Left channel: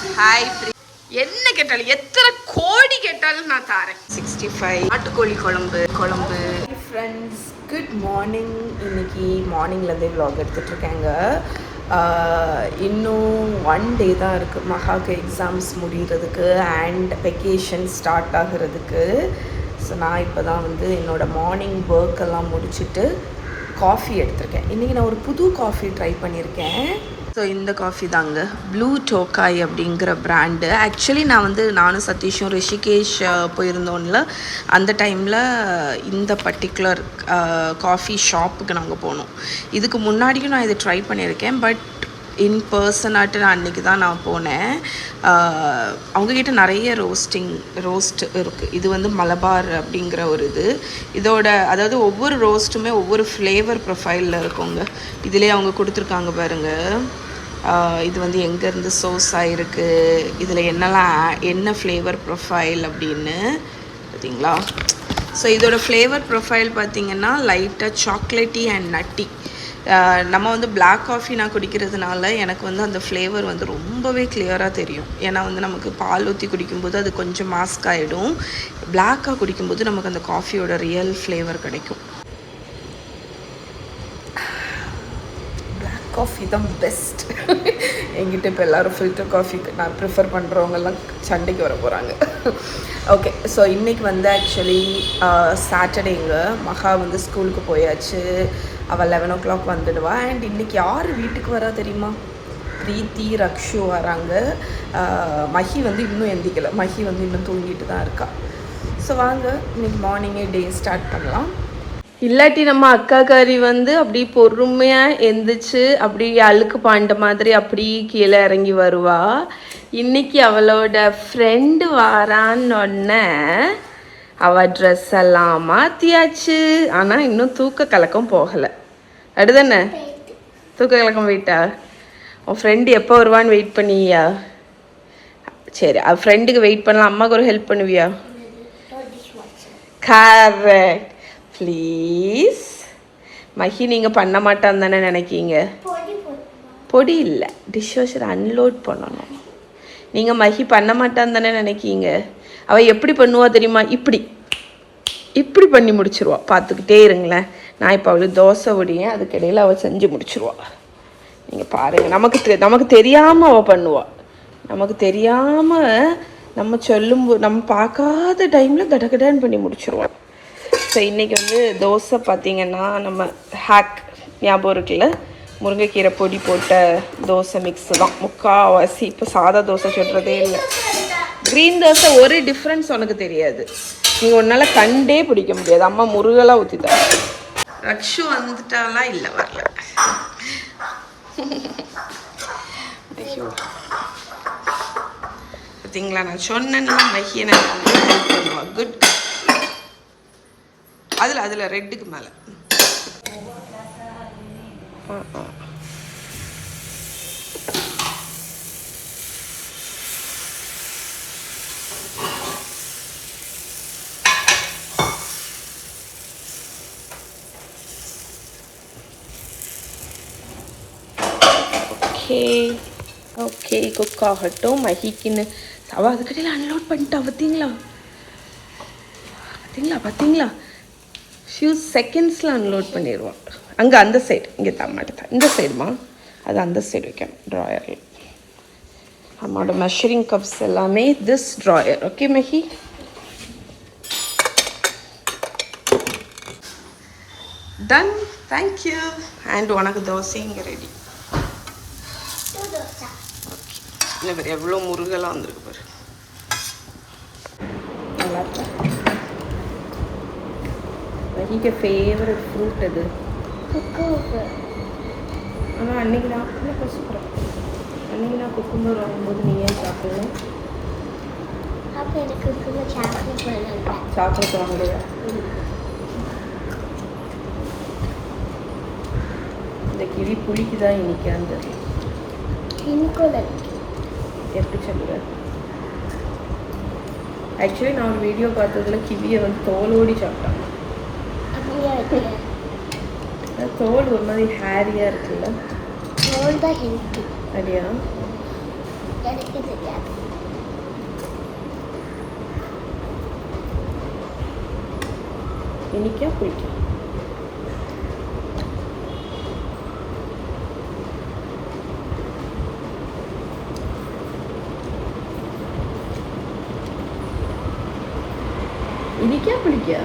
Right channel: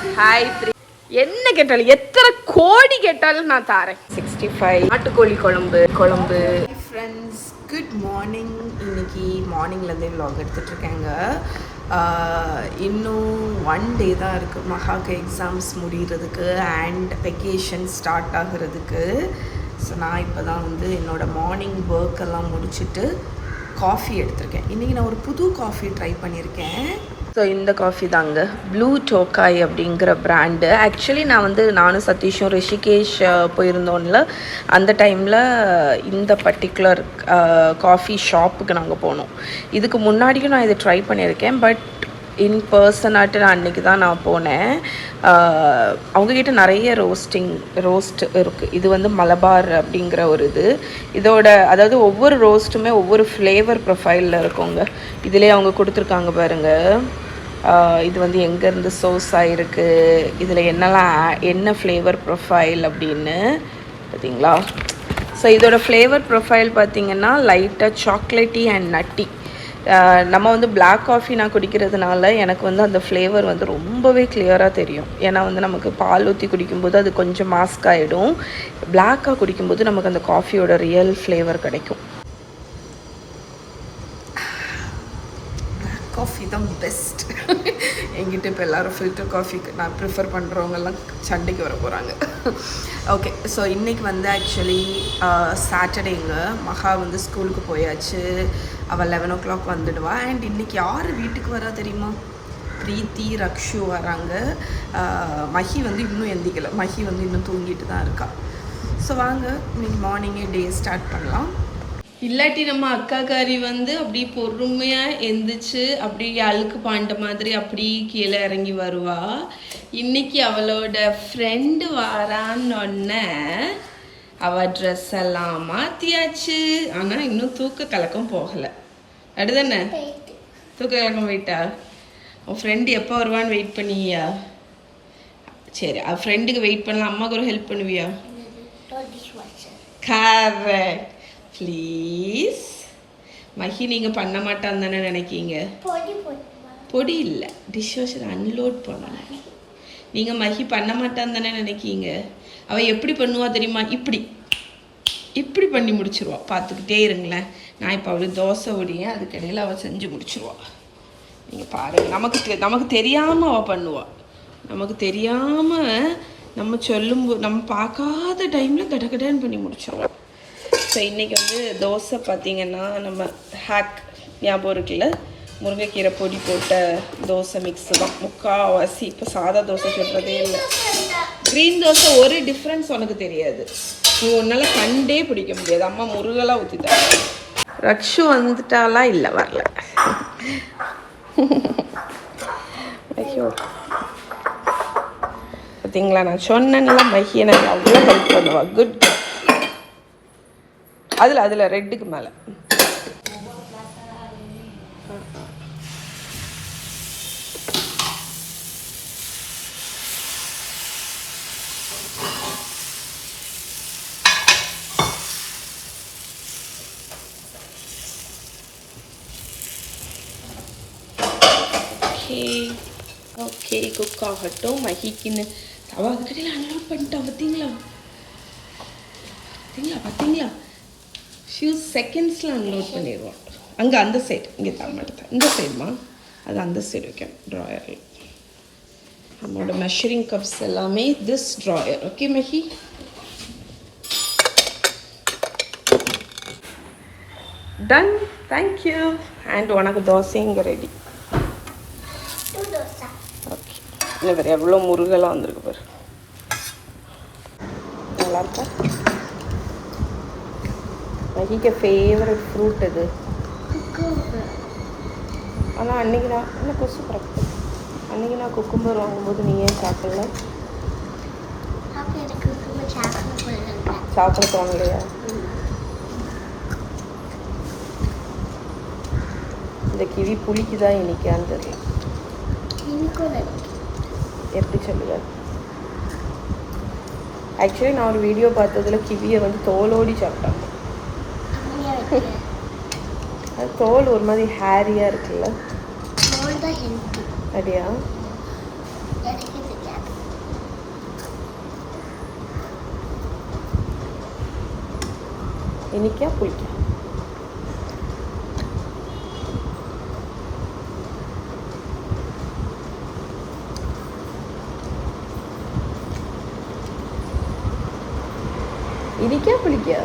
Hi என்ன கேட்டாலும் எத்தனை கோடி கேட்டாலும் நான் தரேன். 65 நாட்டுக்கோழி குழம்பு. Friends good morning. இன்னைக்கு மார்னிங்லேருந்தே விலாக் எடுத்துகிட்ருக்கேங்க. இன்னும் 1 டே தான் இருக்குது மகாக்கு எக்ஸாம்ஸ் முடிகிறதுக்கு அண்ட் வெக்கேஷன் ஸ்டார்ட் ஆகிறதுக்கு. ஸோ நான் இப்போ தான் என்னோடய மார்னிங் ஒர்க்கெல்லாம் முடிச்சுட்டு காஃபி எடுத்திருக்கேன். இன்றைக்கி நான் ஒரு புது காஃபி ட்ரை பண்ணியிருக்கேன். ஸோ இந்த காஃபி தாங்க, ப்ளூ டோக்காய் அப்படிங்கிற பிராண்டு. ஆக்சுவலி நானும் சதீஷும் ரிஷிகேஷ் போயிருந்தோம்ல, அந்த டைமில் இந்த பர்டிகுலர் காஃபி ஷாப்புக்கு நாங்கள் போனோம். இதுக்கு முன்னாடியும் நான் இதை ட்ரை பண்ணியிருக்கேன், பட் இன் பர்சனாட்டு நான் அன்றைக்கி தான் நான் போனேன். அவங்கக்கிட்ட நிறைய ரோஸ்ட் இருக்குது. இது மலபார் அப்படிங்கிற ஒரு இதோட அதாவது ஒவ்வொரு ரோஸ்ட்டுமே ஒவ்வொரு ஃப்ளேவர் ப்ரொஃபைலில் இருக்குங்க. இதிலே அவங்க கொடுத்துருக்காங்க பாருங்கள். இது எங்கேருந்து சோர்ஸ் ஆகிருக்கு, இதில் என்ன ஃப்ளேவர் ப்ரொஃபைல் அப்படின்னு பார்த்தீங்களா. ஸோ இதோட ஃப்ளேவர் ப்ரொஃபைல் பார்த்திங்கன்னா லைட்டாக சாக்லேட்டி அண்ட் நட்டி. நம்ம பிளாக் காஃபி நான் குடிக்கிறதுனால எனக்கு அந்த ஃப்ளேவர் ரொம்பவே கிளியராக தெரியும். ஏன்னா நமக்கு பால் ஊற்றி குடிக்கும்போது அது கொஞ்சம் மாஸ்க் ஆகிடும். பிளாக்காக குடிக்கும்போது நமக்கு அந்த காஃபியோட ரியல் ஃப்ளேவர் கிடைக்கும். பிளாக் காஃபி தான் பெஸ்ட். என்கிட்ட இப்போ எல்லோரும் ஃபில்டர் காஃபிக்கு நான் ப்ரிஃபர் பண்ணுறவங்கெல்லாம் சண்டைக்கு வர போகிறாங்க. ஓகே, ஸோ இன்றைக்கி ஆக்சுவலி சாட்டர்டேங்க. மகா ஸ்கூலுக்கு போயாச்சு. அவள் 11 o'clock வந்துடுவா. அண்ட் இன்றைக்கி யார் வீட்டுக்கு வரா தெரியுமா? பிரீத்தி, ரக்ஷு வராங்க. மஹி இன்னும் எந்திக்கலை. மஹி இன்னும் தூங்கிட்டு தான் இருக்கா. ஸோ வாங்க இன்றைக்கி மார்னிங்கே டே ஸ்டார்ட் பண்ணலாம். இல்லாட்டி நம்ம அக்காக்காரி அப்படி பொறுமையாக எந்திரிச்சு அப்படி அழுக்கு பாண்ட மாதிரி அப்படி கீழே இறங்கி வருவா. இன்னைக்கு அவளோட ஃப்ரெண்டு வாரான்னொன்னே அவள் ட்ரெஸ் எல்லாம் மாற்றியாச்சு. ஆனால் இன்னும் தூக்க கலக்கம் போகலை. அடுதானே தூக்க கலக்கம் போயிட்டா? உன் ஃப்ரெண்டு எப்போ வருவான்னு வெயிட் பண்ணியா? சரி, அவள் ஃப்ரெண்டுக்கு வெயிட் பண்ணலாம். அம்மாவுக்கு ஒரு ஹெல்ப் பண்ணுவியா? கரெக்ட். ப்ளீஸ் மஹி, நீங்கள் பண்ண மாட்டான்னு தானே நினைக்கிங்க? பொடி இல்லை, டிஷ் வாஷர் அன்லோட் பண்ணணும். நீங்கள் மஹி பண்ண மாட்டான்னு தானே நினைக்கிங்க? அவள் எப்படி பண்ணுவா தெரியுமா? இப்படி பண்ணி முடிச்சிருவா. பார்த்துக்கிட்டே இருங்களேன். நான் இப்போ அவளுக்கு தோசை ஒடியேன், அதுக்கிடையில் அவள் செஞ்சு முடிச்சிருவா. நீங்கள் பாருங்கள். நமக்கு தெரியாமல் அவள் பண்ணுவாள். நமக்கு தெரியாமல் நம்ம சொல்லும்போது நம்ம பார்க்காத டைமில் கடகடான்னு பண்ணி முடிச்சிருவாள். ஸோ இன்றைக்கி தோசை பார்த்திங்கன்னா நம்ம ஹேக் ஞாபகம் இருக்குல்ல, முருங்கைக்கீரை பொடி போட்ட தோசை மிக்ஸு தான் முக்கால்வாசி. இப்போ சாதா தோசை சொல்கிறதே இல்லை. க்ரீன் தோசை ஒரு டிஃப்ரென்ஸ் உனக்கு தெரியாது. நீங்கள் ஒன்றால் கண்டே பிடிக்க முடியாது. அம்மா முருகலாக ஊற்றிட்டாங்க. ரக்ஷு வந்துட்டாலா? இல்லை, வரல. ஐயோ, பார்த்தீங்களா, நான் சொன்னேன்ல மஹி எனக்கு அவ்வளோ ஹெல்ப் பண்ணுவா. குட். அதில் ரெட்டுக்கு மேலே ஓகே குக் ஆகட்டும். மஹிக்குன்னு அவள் அதுக்கிடையில் அன்லோட் பண்ணிட்டா. பார்த்தீங்களா ஃபியூ செகண்ட்ஸில் அன்லோட் பண்ணிடுவான். அங்கே அந்த சைடு, இங்கே தான் மாட்டேன். இந்த சைடுமா, அது அந்த சைடு வைக்கணும் ட்ராயரில். நம்மளோட மெஷரிங் கப்ஸ் எல்லாமே this drawer. Okay Mahi, done. Thank you. And உனக்கு தோசை இங்கே ரெடி. ஓகே, இல்லை வேறு எவ்வளோ முருகெல்லாம் வந்திருக்கு பாரு. நல்லாயிருக்கா? மஹிக்கு ஃபேவரட் ஃப்ரூட் அது. ஆனால் அன்றைக்கி நான் குக்கும்பர் வாங்கும்போது நீ ஏன் சாப்பிடல? சாப்பிட தோணலையா? இந்த கிளி புளிக்கு தான் இன்னைக்கு இருந்தது. எப்படி சொல்லியா? ஆக்சுவலி நான் ஒரு வீடியோ பார்த்ததில் கிளியை தோலோடி சாப்பிட்டாங்க. தோல் ஒரு மாதிரி ஹேரியாக இருக்குல்ல. அப்படியா? எனக்கு இனிக்கா புளிக்கா? இனிக்கா புளிக்கா?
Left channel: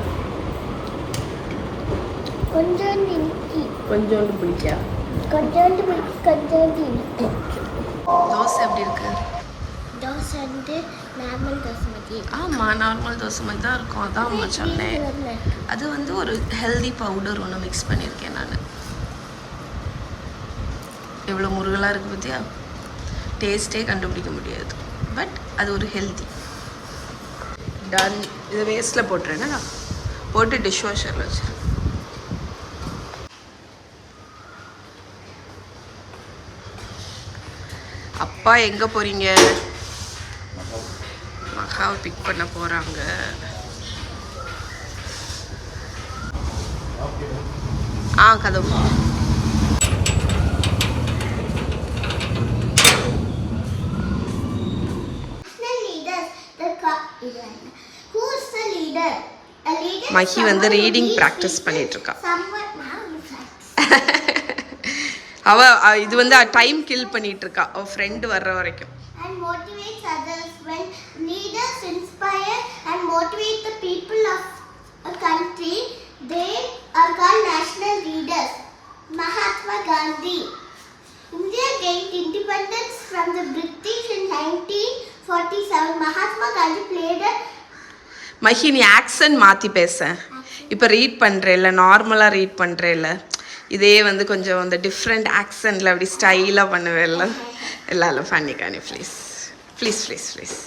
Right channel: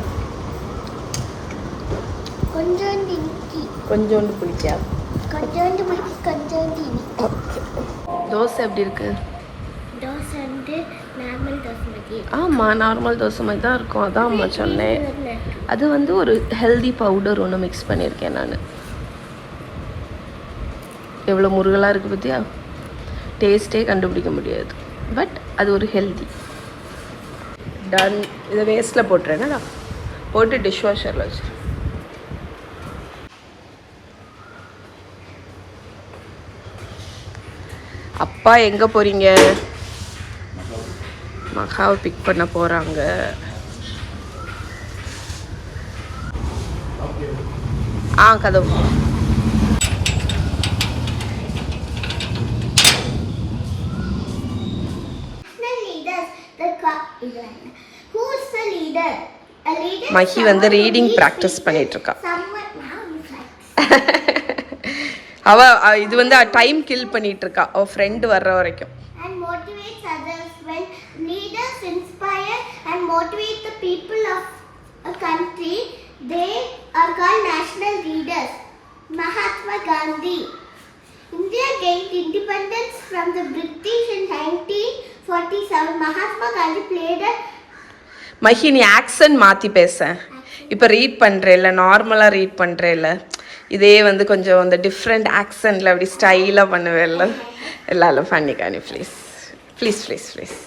கொஞ்சோண்டு இனிக்கி, கொஞ்சோண்டு புளிக்கா, கொஞ்சோண்டு புளிக்கி, கொஞ்சோண்டு இனிக்கி. தோசை எப்படி இருக்கு? தோசை வந்து நார்மல் தோசை மாதிரி. ஆமாம், நார்மல் தோசை மாதிரி தான் இருக்கும். அதான் அம்மா சொன்னேன். அது வந்து ஒரு ஹெல்தி பவுடர் ஒன்று மிக்ஸ் பண்ணியிருக்கேன் நான். எவ்வளோ முருகலாக இருக்குது பார்த்தியா? டேஸ்ட்டே கண்டுபிடிக்க முடியாது, பட் அது ஒரு ஹெல்தி. டன். இதை வேஸ்ட்டில் போட்டுறேன்னா போட்டு டிஷ் வாஷரில் வச்சு. அப்பா எங்கே போகிறீங்க? மகாவை பிக் பண்ண போகிறாங்க. கதவு. மஹி வந்து ரீடிங் ப்ராக்டிஸ் பண்ணிட்டு இருக்கா. அவ இது வந்து டைம் கில் பண்ணிட்டு இருக்கா அவ ஃப்ரெண்ட் வர்ற வரைக்கும். And motivates others. When leaders inspire and motivate the people of a country, they are called national leaders. Mahatma Gandhi. India gained independence from the British in 1947. Mahatma Gandhi played a Mahi, நீ accent மாற்றி பேச. இப்போ read பண்ணுறேல்ல, நார்மலாக read பண்ணுறேல்ல, இதே வந்து கொஞ்சம் அந்த different ஆக்சன்டில் அப்படி ஸ்டைலாக பண்ணுவேல்ல, எல்லாரும் பண்ணிக்கா நீ. Please please please please.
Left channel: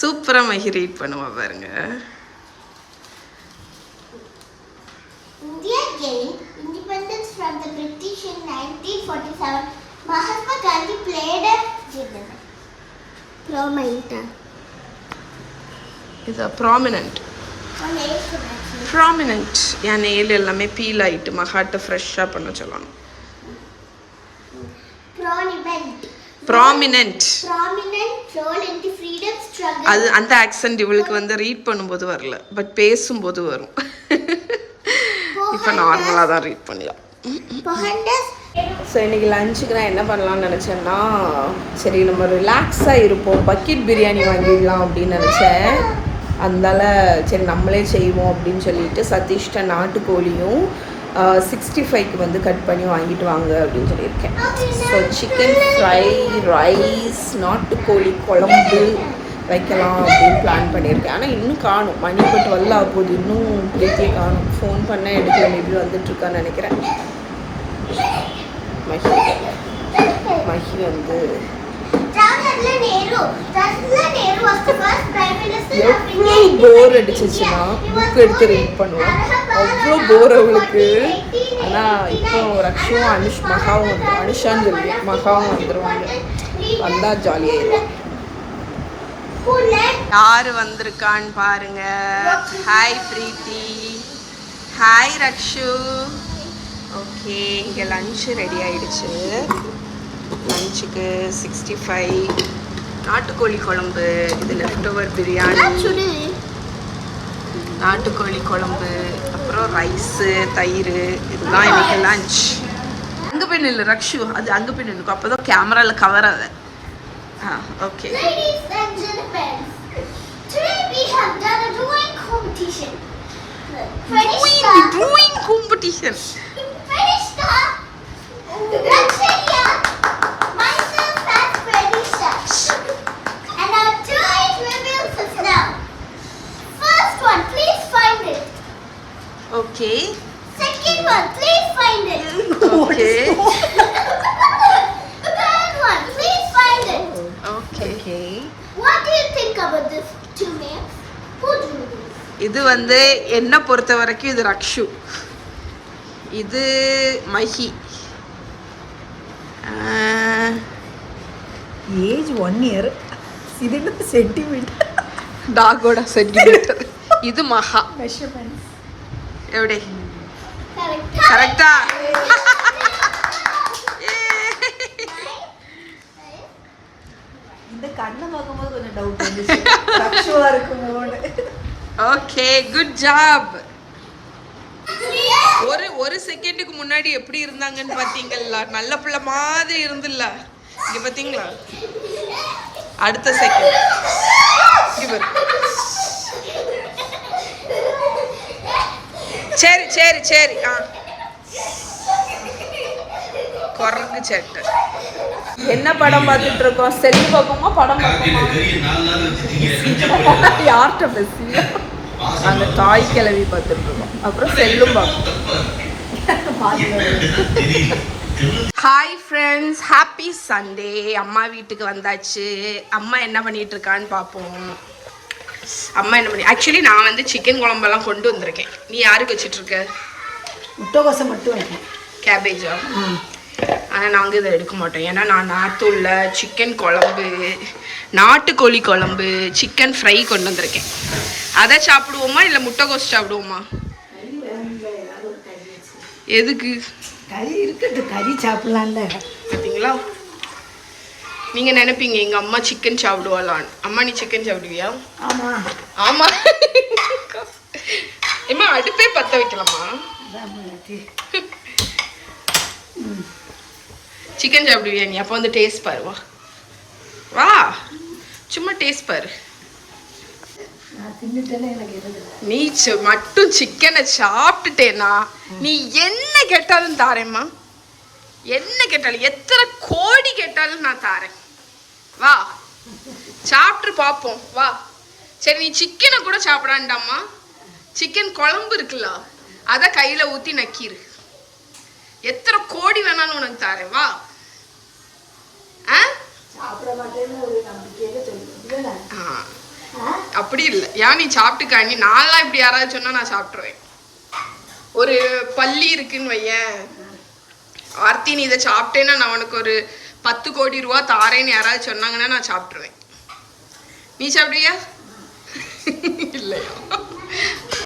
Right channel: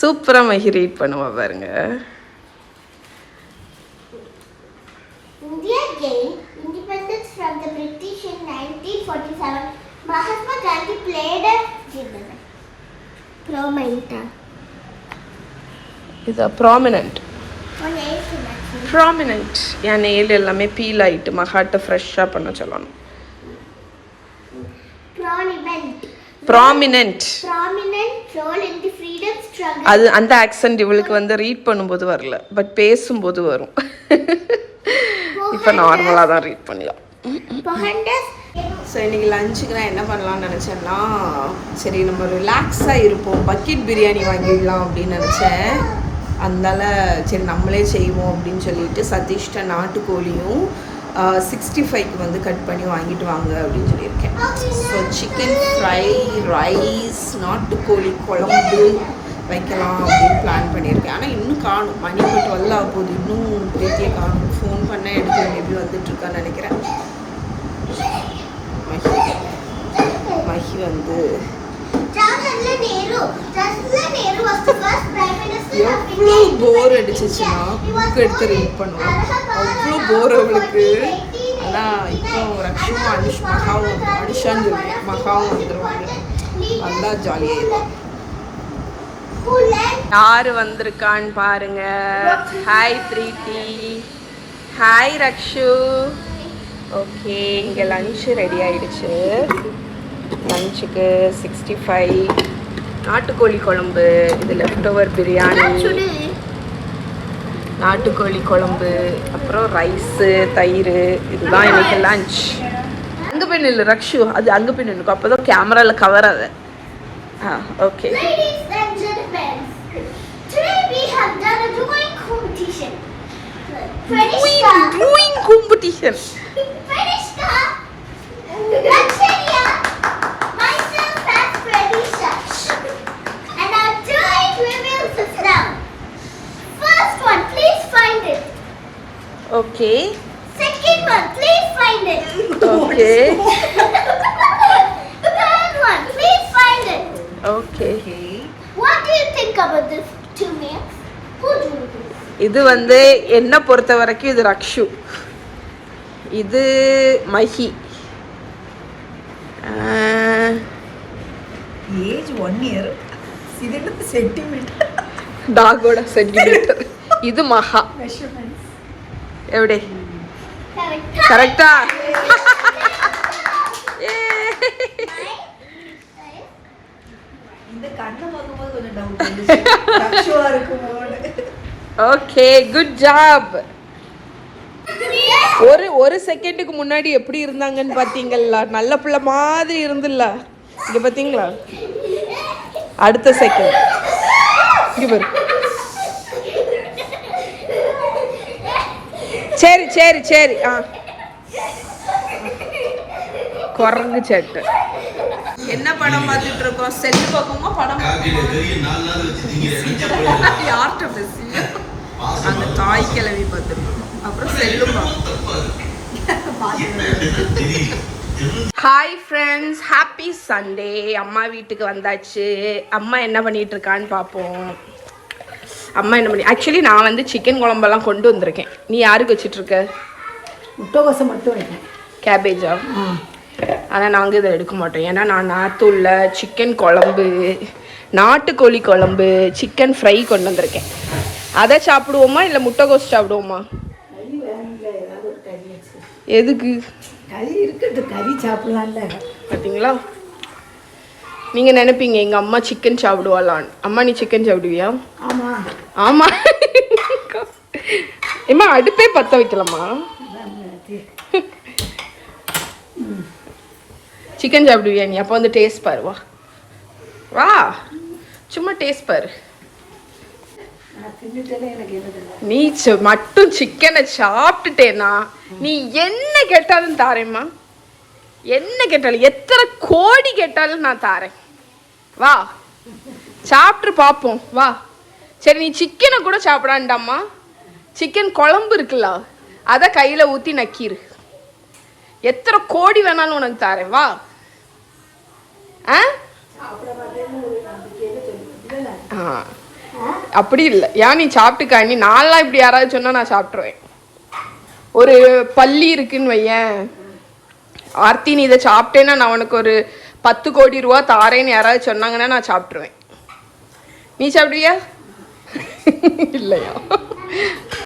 சூப்பராக மஹி ரீட் பண்ணுவா பாருங்க. India gained independence from the British in 1947. Mahatma Gandhi played a prominent. இது ப்ராமினன்ட். ப்ராமினன்ட் என் நெயில் எல்லாமே பீல் ஆகிட்டு மகாட்ட ஃப்ரெஷ்ஷாக பண்ண சொல்லணும். Prominent role in the freedom struggle. அது அந்த ஆக்சென்ட் இவளுக்கு வந்து ரீட் பண்ணும்போது வரல, பட் பேசும்போது வரும். இப்போ நார்மலாக தான் ரீட் பண்ணலாம். ஸோ இன்றைக்கி லஞ்சுக்கு நான் என்ன பண்ணலான்னு நினச்சேன்னா, சரி நம்ம ரிலாக்ஸாக இருப்போம், பக்கெட் பிரியாணி வாங்கிடலாம் அப்படின்னு நினச்சேன். அதனால சரி நம்மளே செய்வோம் அப்படின்னு சொல்லிட்டு சதீஷ்ட நாட்டுக்கோழியும் 65க்கு வந்து கட் பண்ணி வாங்கிட்டு வாங்க அப்படின்னு சொல்லியிருக்கேன். ஸோ சிக்கன் ஃப்ரை, ரைஸ், நாட்டுக்கோழி குழம்பு வைக்கலாம் அப்படின்னு பிளான் பண்ணியிருக்கேன். ஆனால் இன்னும் காணும், மணி இப்போ 12 ஆக போகுது, இன்னும் பிரீத்தியை காணும். ஃபோன் பண்ண எடுக்கல, மேபி வந்துட்டுருக்கான்னு நினைக்கிறேன். மஹி வந்து எவ்வளோ போர் அடிச்சிச்சுன்னா புக் எடுத்து ரீட் பண்ணுவோம், அவ்வளோ போர் அவளுக்கு. ஆனால் இப்போ ரக்ஷுவும் மகாவும் அனுஷான்னு சொல்லி மகாவும் வந்துடுவாங்க, வந்தால் ஜாலியாகிடும். யார் வந்திருக்கான்னு பாருங்க. ஹாய் பிரீத்தி, ஹாய் ரக்ஷு. ஓகே, இங்கே லஞ்சு ரெடி ஆகிடுச்சு. லஞ்சுக்கு 65, நாட்டுக்கோழி குழம்பு, இது லெஃப்ட் ஓவர் பிரியாணி, நாட்டுக்கோழி குழம்பு, அப்புறம் ரைஸு, தயிர். இதுதான் இன்னைக்கு லஞ்ச். அங்கே போய் நில்லு ரக்ஷு, அது அங்கே போய் நின்னுக்கும், அப்போ தான் கேமராவில் கவர் ஆகுது. Okay. Drawing competition. And our drawing reveals us now. First one, please find it. Okay. Second one, please find it. Okay. Third one, please find it. Okay. What do you think about this two names? Who do you think? இது வந்து என்ன பொறுத்த வரைக்கும் இது ரக்ஷு, இது Mahi. Age 1 year, இது centimetre, டாகோட centimetre. இது மகா. எப்படி கரெக்டா? இந்த கண்ணை பார்க்கும்போது கொஞ்சம் டவுட் இருந்துச்சு, ரக்ஷுவா இருக்குமோன்னு. Okay, good job. ஒரு செகண்டுக்கு முன்னாடி எப்படி இருந்தாங்கன்னு பார்த்தீங்களா? நல்ல பிள்ளை மாதிரி இருந்துல்ல. இங்கே பார்த்தீங்களா? அடுத்த செகண்ட் சரி சரி சரி. குரங்கு சேட்டு. என்ன படம் பார்த்துட்டு இருக்கோம்? செல்லு பார்க்கோமா படம் பார்க்கோமா? யார்கிட்ட பேசியா? நாங்கள் தாய் கிளவி பார்த்துட்டு இருக்கோம். அப்புறம் செல்லும் பார்க்கணும். Hi friends, happy Sunday. அம்மா வீட்டுக்கு வந்தாச்சு. அம்மா என்ன பண்ணிட்டு இருக்கான்னு பார்ப்போம். அம்மா என்ன பண்ணி ஆக்சுவலி நான் வந்து சிக்கன் குழம்பெல்லாம் கொண்டு வந்திருக்கேன். நீ யாருக்கு வச்சிட்ருக்க? முட்டைக்கோசை மட்டும் வைக்கேன். கேபேஜா? ஆனால் நாங்கள் இதை எடுக்க மாட்டோம். ஏன்னா நான் நாற்று உள்ள சிக்கன் குழம்பு, நாட்டுக்கோழி குழம்பு, சிக்கன் ஃப்ரை கொண்டு வந்திருக்கேன். அதை சாப்பிடுவோமா இல்லை முட்டைக்கோஸ் சாப்பிடுவோமா? எதுக்கு? கறி இருக்கட்டு, கறி சாப்பிடலாம்ல. பார்த்தீங்களா? நீங்கள் நினைப்பீங்க எங்கள் அம்மா சிக்கன் சாப்பிடுவாளான்னு. அம்மா நீ சிக்கன் சாப்பிடுவியா? ஆமாம் ஆமாம். ஏம்மா அடுப்பே பற்ற வைக்கலாமா? சிக்கன் சாப்பிடுவியா நீ? அப்போ வந்து டேஸ்ட் பாரு. வா வா, சும்மா டேஸ்ட் பாரு. நீ மட்டும் சிக்கனை சாப்பிட்டுட்டேனா நீ என்ன கேட்டாலும் தாரேம்மா. என்ன கேட்டாலும், எத்தனை கோடி கேட்டாலும் நான் தாரேன். வா சாப்பிட்டு பார்ப்போம். வா. சரி நீ சிக்கனை கூட சாப்பிடாண்டாம்மா. சிக்கன் குழம்பு இருக்குல்ல, அதை கையில் ஊற்றி நக்கிரு. எத்தனை கோடி வேணாலும் உனக்கு தாரேன். வா. அப்படி இல்லை. ஏன் நீ சாப்பிட்டுக்கா. நீ நான்லாம் இப்படி யாராவது சொன்னா நான் சாப்பிட்ருவேன். ஒரு பள்ளி இருக்குன்னு வையேன், ஆர்த்தி நீ இதை சாப்பிட்டேன்னா நான் உனக்கு ஒரு 10 கோடி ரூபா தாரேன்னு யாராவது சொன்னாங்கன்னா நான் சாப்பிட்ருவேன். நீ சாப்பிடுவியா? இல்லையா?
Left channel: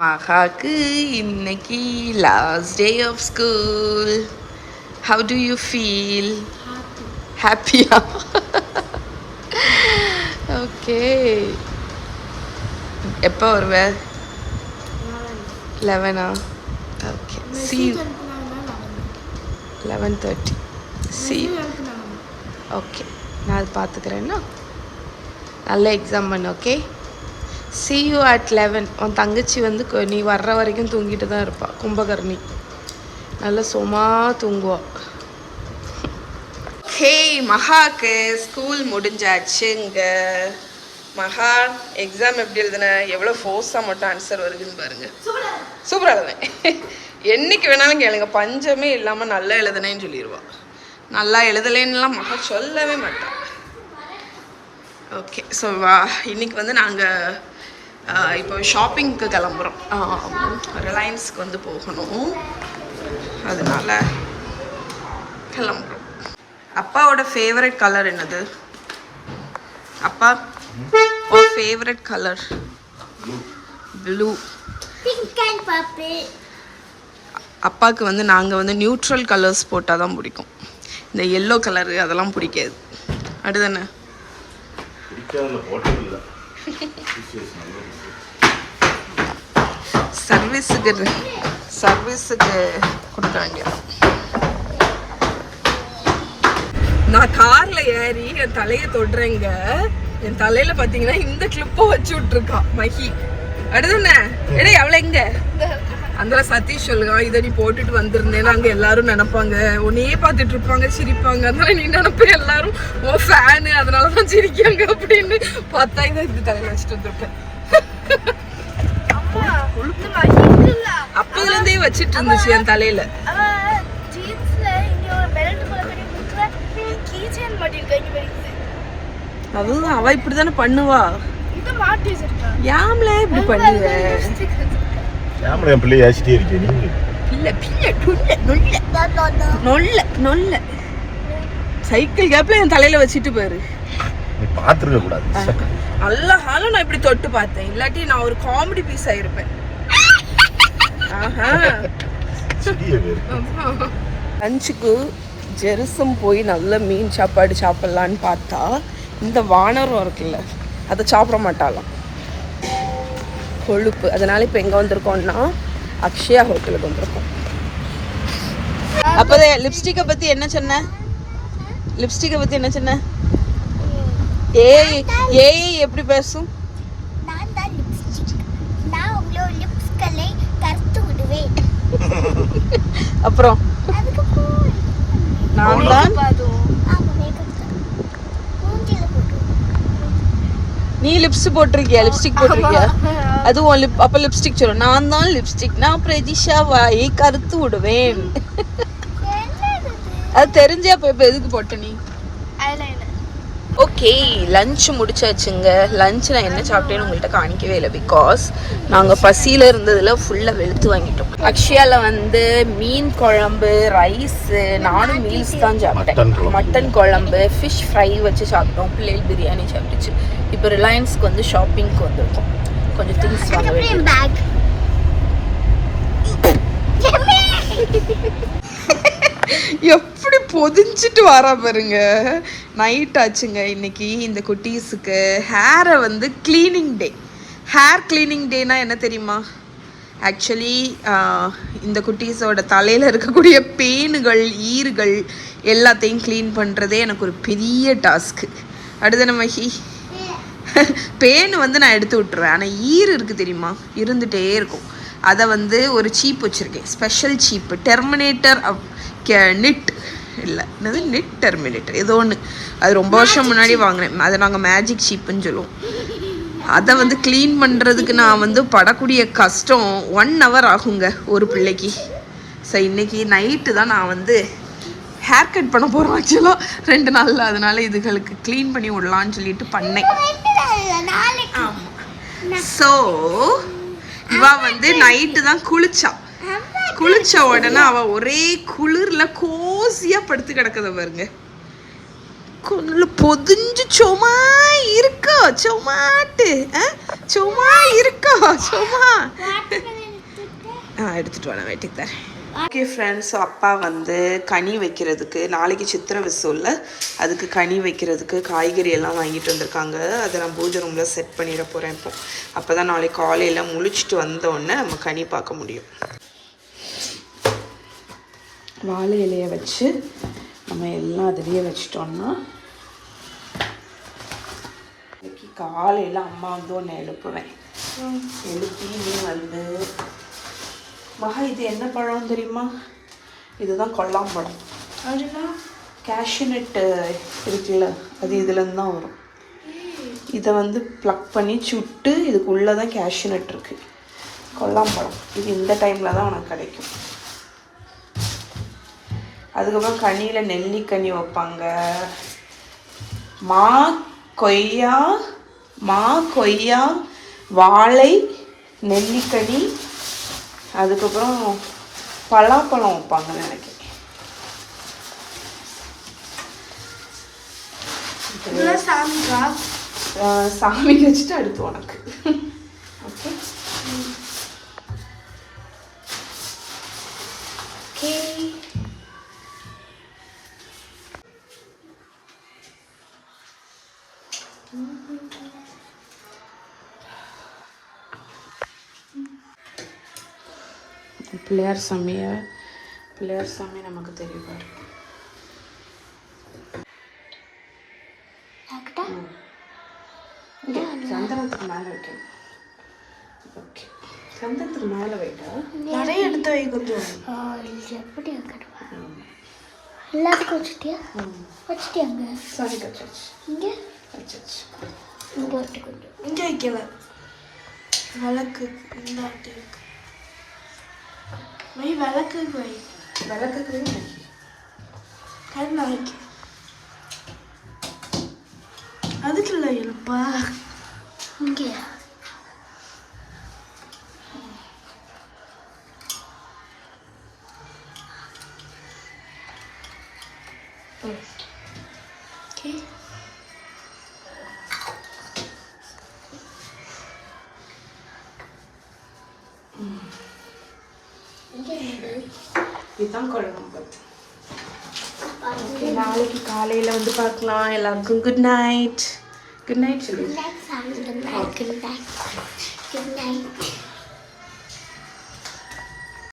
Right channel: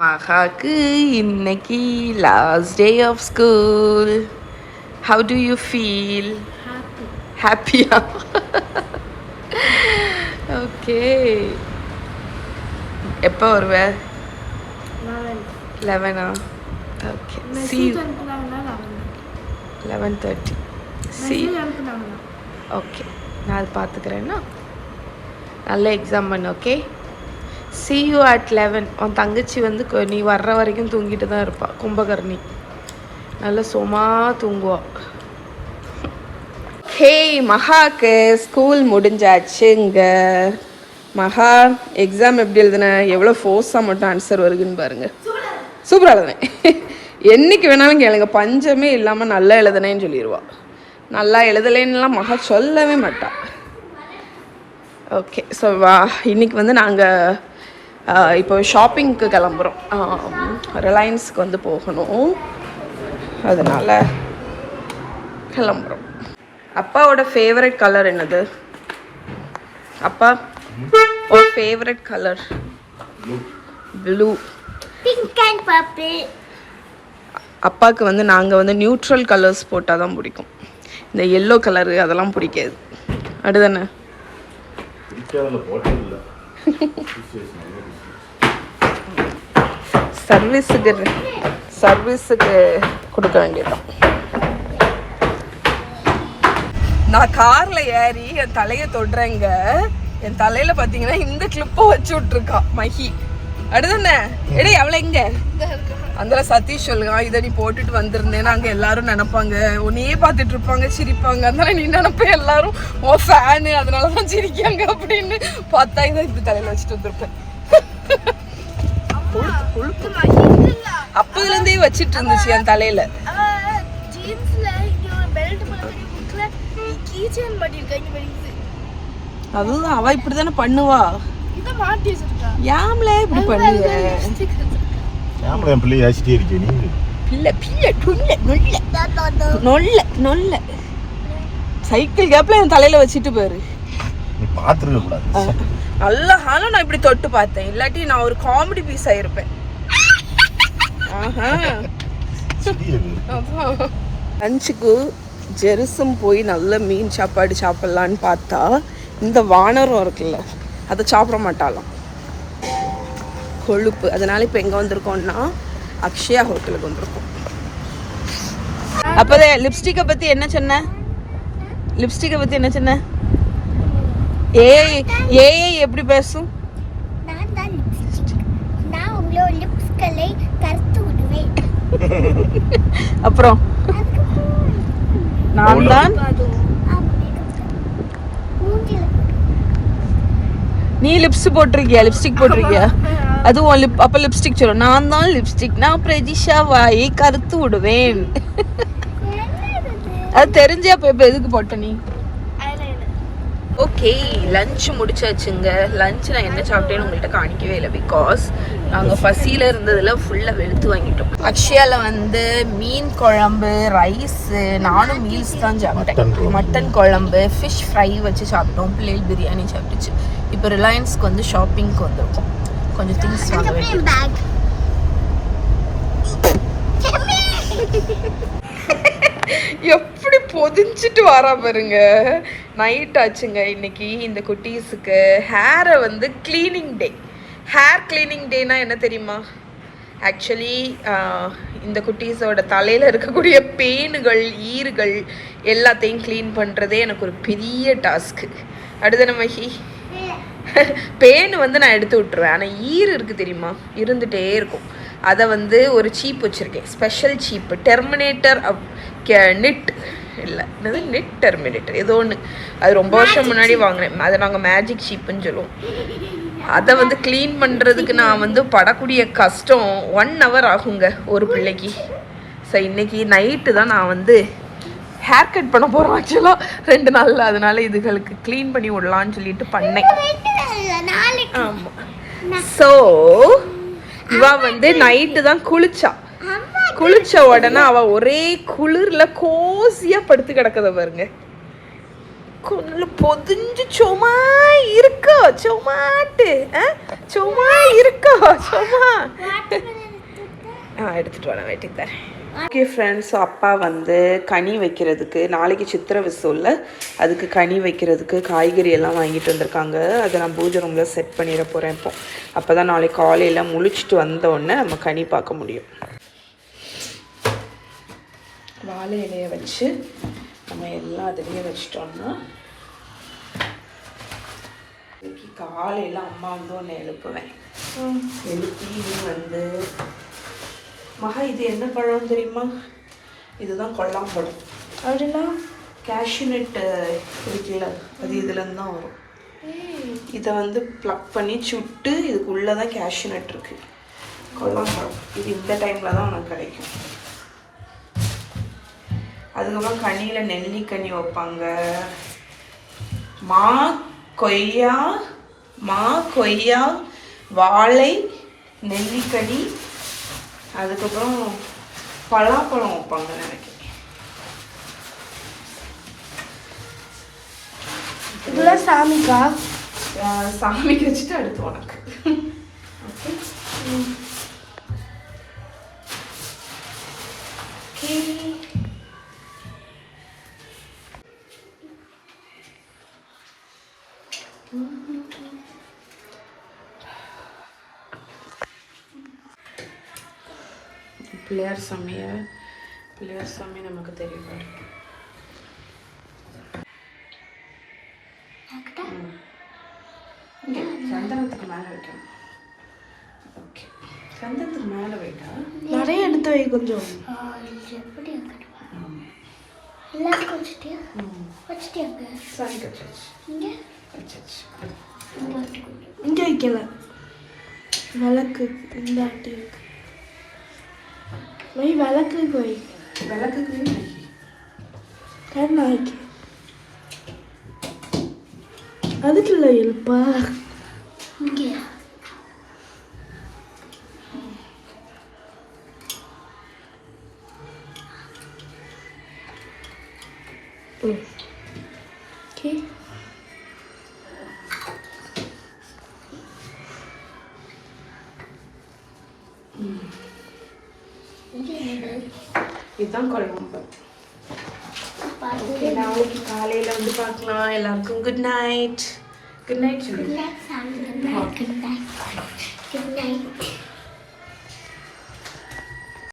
மகாக்கு இன்னைக்கு last day of school. How do you feel? ஹாப்பியா? ஓகே. எப்போ வருவ? 11. Okay. See you 11:30. See. Okay, நான் அது பார்த்துக்கிறேன்னா. நல்ல எக்ஸாம் பண்ணு. ஓகே. See you at 11. உன் தங்கச்சி வந்து நீ வர்ற வரைக்கும் தூங்கிட்டு தான் இருப்பாள். கும்பகர்ணி நல்ல சும்மா தூங்குவா. ஹே, மகாக்கு ஸ்கூல் முடிஞ்சாச்சுங்க. மகா எக்ஸாம் எப்படி எழுதுன? எவ்வளோ ஃபோர்ஸாக மட்டும் ஆன்சர் வருதுன்னு பாருங்க. சூப்பராக எழுதுனேன். என்னைக்கு வேணாலும் கேளுங்க, பஞ்சமே இல்லாமல் நல்லா எழுதுனேன்னு சொல்லிடுவா. நல்லா எழுதலேன்னுலாம் மகா சொல்லவே மாட்டா. ஓகே. ஸோ இன்னைக்கு வந்து நாங்கள் இப்போ ஷாப்பிங்க்கு கிளம்புறோம். ரிலையன்ஸ்க்கு வந்து போகணும், அதனால் கிளம்புறோம். அப்பாவோட ஃபேவரட் கலர் என்னது? அப்பா ஓ favourite colour blue. Pink and purple. அப்பாவுக்கு வந்து நாங்கள் வந்து நியூட்ரல் கலர்ஸ் போட்டால் தான் பிடிக்கும். இந்த எல்லோ கலரு அதெல்லாம் பிடிக்காது. அடுதானே? சர்வீஸுக்கு கொடுக்க வேண்டியதான். நான் கார்ல ஏறி என் தலையை தொடுறேங்க. என் தலையில பாத்தீங்கன்னா இந்த கிளிப்பை வச்சு விட்டுருக்கா மஹி. அடுதானே? எடே அவளை எங்க? அந்த சதீஷ் சொல்லுங்க, இதை நீ போட்டுட்டு வந்திருந்தேன்னு அங்க எல்லாரும் நினைப்பாங்க, உன்னையே பார்த்துட்டு இருப்பாங்க, சிரிப்பாங்க. அதனால நீ நினைப்ப எல்லாரும் ஓ ஃபேனு, அதனாலதான் சிரிக்காங்க அப்படின்னு. பார்த்தா இதை இப்படி தலையில வச்சுட்டு வந்திருப்பேன். அப்பதுல இருந்தே வச்சிட்டு இருந்துச்சு என் தலையில. அதுதான் அவ இப்படிதானே பண்ணுவா. யாம்ல இப்படி பண்ணுவ? யாம்ல என் பிள்ளை ஆசிட்டே இருக்கே நீ. இல்ல பிள்ளை நொல்ல நொல்ல சைக்கிள் கேப்ல என் தலையில வச்சிட்டு பாரு. நீ பாத்துருக்க கூடாது. நல்ல ஹாலும் நான் இப்படி தொட்டு பார்த்தேன், இல்லாட்டி நான் ஒரு காமெடி பீஸ் ஆயிருப்பேன். லஞ்சுக்கு ஜெருசம் போய் நல்ல மீன் சாப்பாடு சாப்பிட்லான்னு பார்த்தா இந்த வானரம் இருக்குல்ல அதை சாப்பிட மாட்டாளாம், கொழுப்பு. அதனால இப்போ எங்கே வந்திருக்கோம்னா அக்ஷயா ஹோட்டலுக்கு வந்திருக்கோம். லிப்ஸ்டிக்கை பத்தி என்ன சொன்ன? லிப்ஸ்டிக்கை பத்தி என்ன சொன்ன? ஏய் எப்படி பேசும்? நான் தான் லிப்ஸ்டிக். நான் உங்களோட லிப்ஸ்களை கருத்து விடுவேன். அப்புறம் அதுக்கப்புறம் நான் தான் நீ லிப்ஸ் போட்டிருக்கியா? லிப்ஸ்டிக் போட்டிருக்கியா? அதுவும் அப்ப லிப்ஸ்டிக் சொல்லு. நான் தான் லிப்ஸ்டிக். நான் பிரதிஷா வாயை கருத்து விடுவேன். அது தெரிஞ்சே அப்ப எதுக்கு போட்ட நீ? Okay, lunch முடிச்சாச்சுங்க. லஞ்ச் நான் என்ன சாப்பிட்டேன்னு உங்கள்கிட்ட காணிக்கவே இல்லை. பிகாஸ் நாங்கள் பசியில் இருந்ததில் ஃபுல்லாக வெளுத்து வாங்கிட்டோம். அக்ஷயாவில் வந்து மீன் குழம்பு, ரைஸு, நானும் மீல்ஸ் தான் சாப்பிட்டேன். மட்டன் குழம்பு, ஃபிஷ் ஃப்ரை வச்சு சாப்பிட்டோம். பிள்ளைகள் பிரியாணி சாப்பிட்டுச்சு. இப்போ ரிலையன்ஸ்க்கு வந்து ஷாப்பிங்க்கு வந்திருக்கோம். கொஞ்சம் திங்ஸ் வாங்க வேண்டியது. எப்படி பொதிஞ்சிட்டு வரா பாருங்க. நைட் ஆச்சுங்க இன்னைக்கு. இந்த குட்டீஸுக்கு ஹேரை வந்து கிளீனிங் டே. ஹேர் கிளீனிங் டேனா என்ன தெரியுமா? ஆக்சுவலி இந்த குட்டீஸோட தலையில் இருக்கக்கூடிய பேனுகள், ஈறுகள் எல்லாத்தையும் க்ளீன் பண்ணுறதே எனக்கு ஒரு பெரிய டாஸ்க்கு. அடுத்த மகி பேன் வந்து நான் எடுத்து விட்டுருவேன். ஆனால் ஈறு இருக்குது தெரியுமா, இருந்துகிட்டே இருக்கும். அதை வந்து ஒரு சீப் வச்சுருக்கேன், ஸ்பெஷல் சீப்பு. டெர்மினேட்டர் நெட் இல்லை, என்னது நெட் டெர்மினேட்டர் ஏதோ ஒன்று. அது ரொம்ப வருஷம் முன்னாடி வாங்கினேன். அதை நாங்கள் மேஜிக் சீப்புன்னு சொல்லுவோம். அதை வந்து க்ளீன் பண்ணுறதுக்கு நான் வந்து படக்கூடிய கஷ்டம் 1 hour ஆகுங்க ஒரு பிள்ளைக்கு. ஸோ இன்றைக்கி நைட்டு தான் நான் வந்து ஹேர் கட் பண்ண போகிறோம் ஆக்சுவலாக 2 நாளில். அதனால இதுகளுக்கு க்ளீன் பண்ணி விடலான்னு சொல்லிட்டு பண்ணேன். ஆமாம். ஸோ இவா வந்து நைட்டு தான் குளிச்ச உடனே அவ ஒரே குளிர்ல கோசியா படுத்து கிடக்கத பாருங்க. கொன்னுல பொதிஞ்சு சும்மா இருக்கோ, சும்மாட்டு சும்மா இருக்கோ, சும்மா எடுத்துட்டு வரேன், வெட்டிட்டு தரேன். ஓகே ஃப்ரெண்ட்ஸ், அப்பா வந்து கனி வைக்கிறதுக்கு, நாளைக்கு சித்திரை விசுவில் அதுக்கு கனி வைக்கிறதுக்கு காய்கறி எல்லாம் வாங்கிட்டு வந்திருக்காங்க. அதை நான் பூஜை ரூமில் செட் பண்ணிட போகிறேன். இப்போ அப்போ தான் நாளைக்கு காலையில் முழிச்சிட்டு வந்தோடனே நம்ம கனி பார்க்க முடியும். வாழை இலையை வச்சு நம்ம எல்லாம் அதிலேயே வச்சிட்டோம்னா இன்னைக்கு காலையில் அம்மா வந்து ஒன்று எழுப்புவேன். எழுப்பி வந்து மகா இது என்ன பழம் தெரியுமா? இதுதான் கொல்லாம்பழம். அப்படின்னா கேஷ்யூநட் இருக்குல்ல, அது இதுலேருந்து தான் வரும். இதை வந்து ப்ளக் பண்ணி சுட்டு இதுக்குள்ளே தான் கேஷ்யூநட் இருக்குது. கொல்லாம்பழம் இது இந்த டைமில் தான் உனக்கு கிடைக்கும். அதுக்கப்புறம் கனியில் நெல்லிக்கனி வைப்பாங்க. மா கொய்யா வாழை நெல்லிக்கனி, அதுக்கப்புறம் பலாப்பழம் வைப்பாங்க நினைக்கிறேன். இதெல்லாம் சாமிக்கா? சாமிக்கு வச்சுட்டு அடுத்து உனக்கு. ஓகே பிள்ளையார் சாமி நமக்கு தெரியும். சந்தனத்துக்கு மேலே வைக்கணும். ஓகே, சந்தனத்துக்கு மேலே வைட்டா நிறைய எடுத்து வை கொஞ்சம். எப்படி எல்லாருக்கும் வச்சுட்டியா? வச்சுட்டியாங்க? சாரி கச்சாச்சு. இங்கே வச்சாச்சு. இங்கே வைக்கல, விளக்கு இந்த ஆட்டி இருக்கு. வை விளக்குக்கு வை. விளக்குக்கு கருநாய்க்கு அதுக்குள்ள எழுப்பா. இங்கேயா? ஓகே. இதுதான் குழம்பு. ஓகே, நாளைக்கு காலையில் வந்து பார்க்கலாம். எல்லாருக்கும் குட் நைட். குட் நைட் சொல்லுங்க. Good night.